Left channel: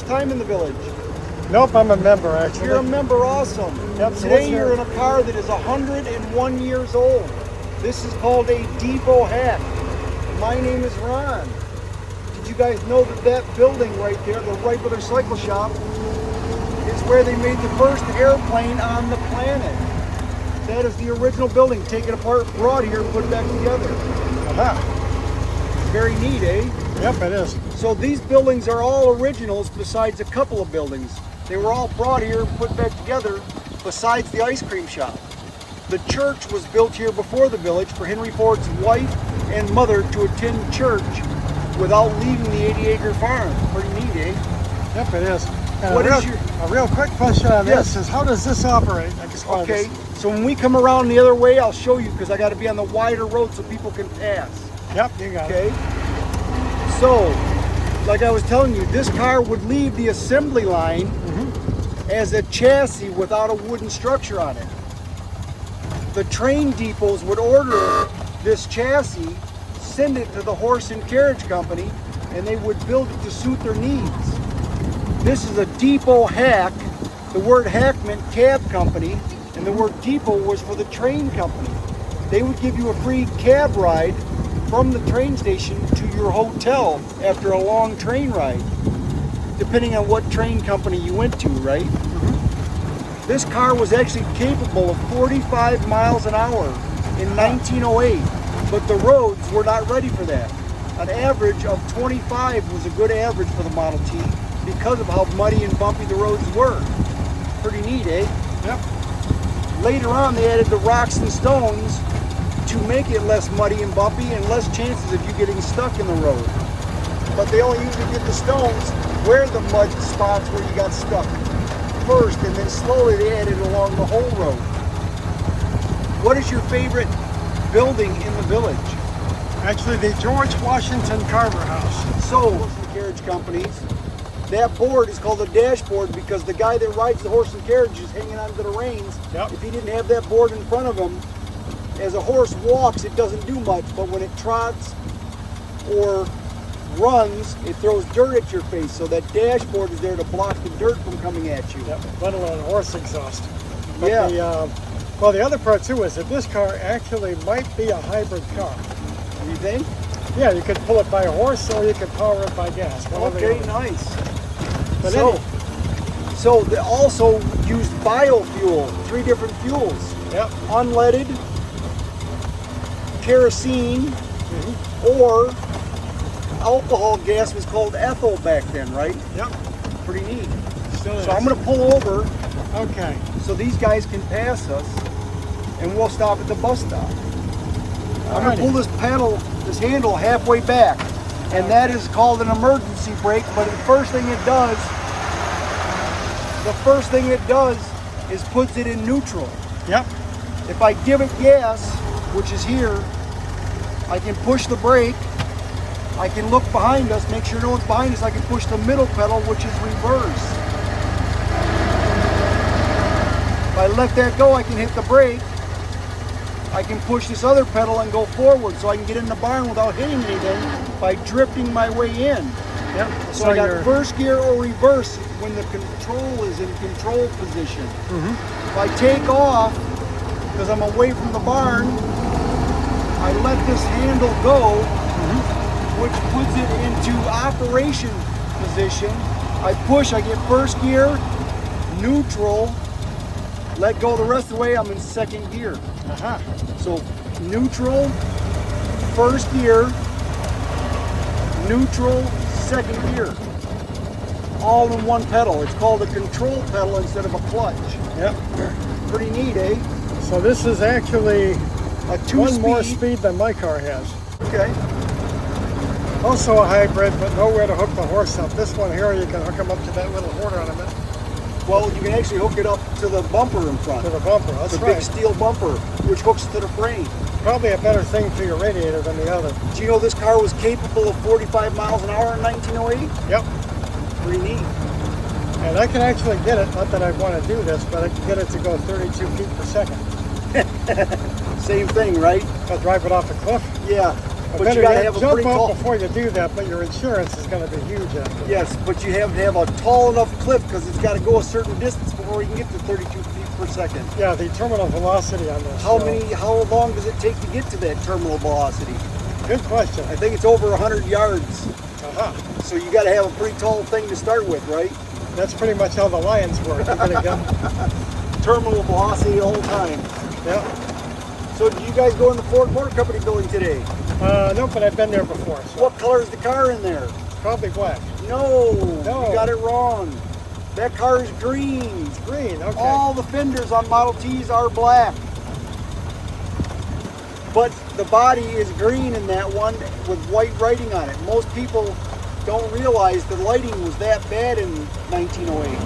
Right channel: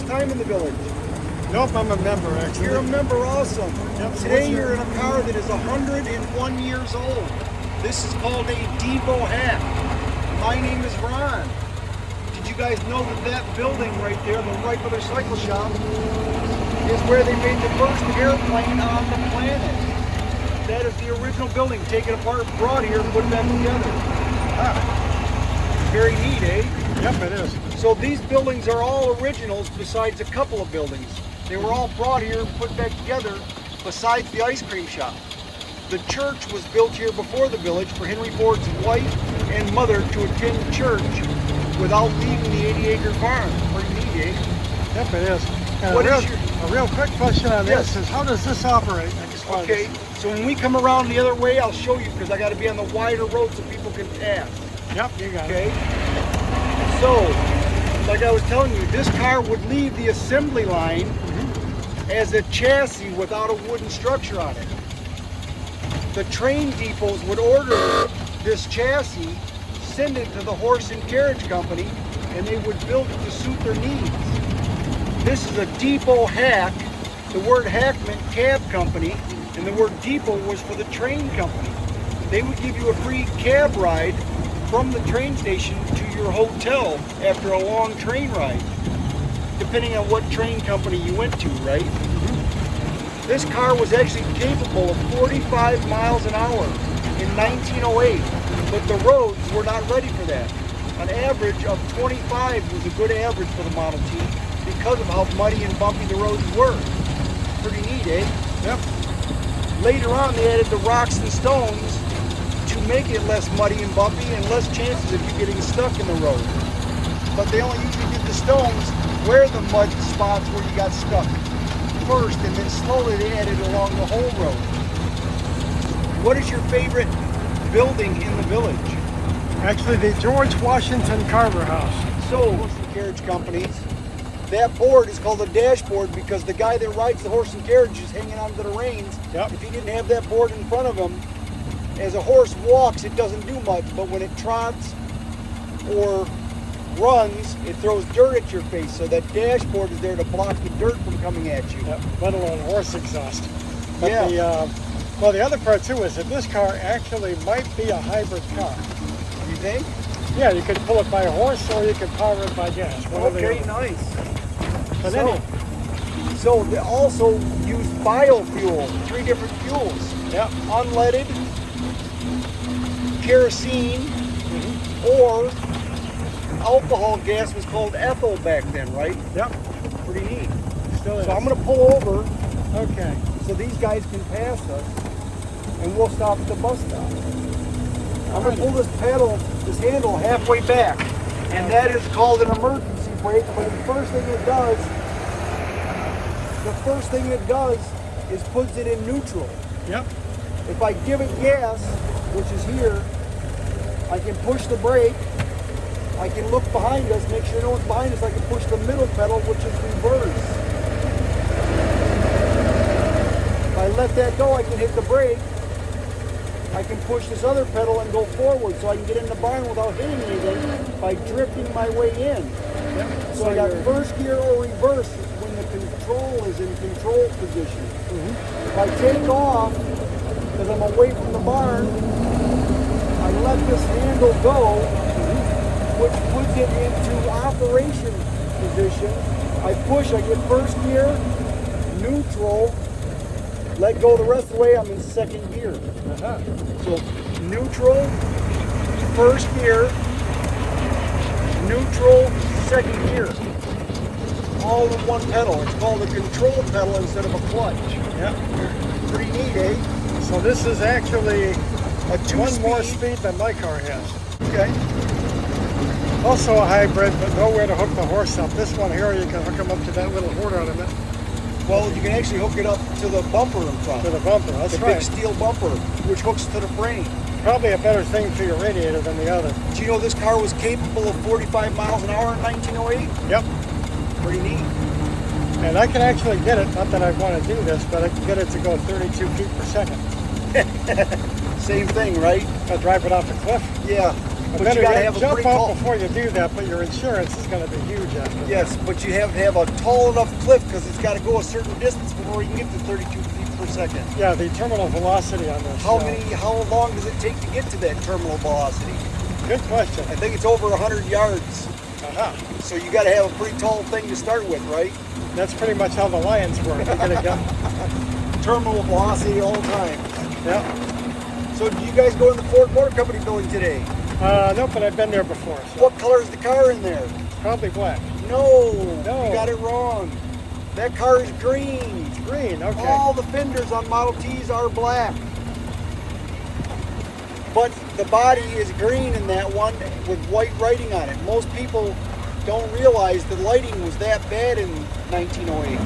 first time in the village? Nope, I'm a member actually. You're a member, awesome. Yep, Today you're in a car that is 101 years old. This is called a depot hack. My name is Ron. Did you guys know that that building right there, the regular cycle shop, is where they made the first airplane on the planet? That is the original building, taken apart, brought here, and put back together. Very neat, eh? Yep, it is. So these buildings are all originals besides a couple of buildings. They were all brought here and put back together besides the ice cream shop. The church was built here before the village for Henry Ford's wife and mother to attend church without leaving the 80-acre farm. Pretty neat, eh? Yep, it is. And a real quick question on this is, how does this operate? Okay, so when we come around the other way, I'll show you because I got to be on the wider road so people can pass. Yep, you got it. Okay, so like I was telling you, this car would leave the assembly line as a chassis without a wooden structure on it. The train depots would order this chassis, send it to the horse and carriage company, and they would build it to suit their needs. This is a depot hack. The word hack meant cab company, and the word depot was for the train company. They would give you a free cab ride from the train station to your hotel after a long train ride, depending on what train company you went to, right? This car was actually capable of 45 miles an hour in 1908, but the roads were not ready for that. An average of 25 was a good average for the Model T because of how muddy and bumpy the roads were. Pretty neat, eh? Yep. Later on, they added the rocks and stones to make it less muddy and bumpy and less chances of you getting stuck in the road. But they only usually did the stones where the mud spots where you got stuck first, and then slowly they added along the whole road. What is your favorite building in the village? Actually, the George Washington Carver House. So, horse and carriage companies, that board is called a dashboard because the guy that rides the horse and carriage is hanging onto the reins. Yep. If he didn't have that board in front of him, as a horse walks, it doesn't do much, but when it trots or runs, it throws dirt at your face. So that dashboard is there to block the dirt from coming at you. Yep, let alone horse exhaust. But Yeah. well, the other part too is that this car actually might be a hybrid car. You think? Yeah, you could pull it by horse or you could power it by gas. Okay, nice. But so they also use biofuel, 3 different fuels. Yep. Unleaded, kerosene, or alcohol gas was called ethyl back then, right? Yep. Pretty neat. Still is. So I'm going to pull over Okay. so these guys can pass us, and we'll stop at the bus stop. I'm going to pull this handle halfway back, and that is called an emergency brake. But the first thing it does is puts it in neutral. Yep. If I give it gas, which is here, I can push the brake. I can look behind us, make sure no one's behind us. I can push the middle pedal, which is reverse. If I let that go, I can hit the brake. I can push this other pedal and go forward, so I can get in the barn without hitting anything by drifting my way in. Yep. So I got first gear or reverse when the control is in control position. If I take off, because I'm away from the barn, I let this handle go, which puts it into operation position. I push, I get first gear, neutral, let go the rest of the way, I'm in second gear. So neutral, first gear, neutral, second gear. All in one pedal. It's called a control pedal instead of a clutch. Yep. Pretty neat, eh? So this is actually A 2-speed. one more speed than my car has. Okay. Also a hybrid, but nowhere to hook the horse up. This one here, you can hook him up to that little horn ornament. Well, you can actually hook it up to the bumper in front. To the bumper, that's the right. big steel bumper, which hooks to the frame. Probably a better thing for your radiator than the other. Do you know this car was capable of 45 miles an hour in 1908? Yep. Pretty neat. And I can actually get it, not that I want to do this, but I can get it to go 32 feet per second. Same thing, right? I'll drive it off a cliff. Yeah. But then you gotta again, have a jump pretty up tall. before you do that, but your insurance is going to be huge after that. Yes, but you have to have a tall enough cliff because it's got to go a certain distance before you can get to 32 feet per second. Yeah, the terminal velocity on this. How long does it take to get to that terminal velocity? Good question. I think it's over 100 yards. Uh-huh. So you got to have a pretty tall thing to start with, right? That's pretty much how the Lions work. They're going to go. Terminal velocity the whole time. Yeah. So did you guys go in the Ford Motor Company building today? No, but I've been there before. So What color is the car in there? probably black. No, No. you got it wrong. That car is green. It's green. Okay. All the fenders on Model Ts are black. But the body is green in that one with white writing on it. Most people don't realize the lighting was that bad in 1908.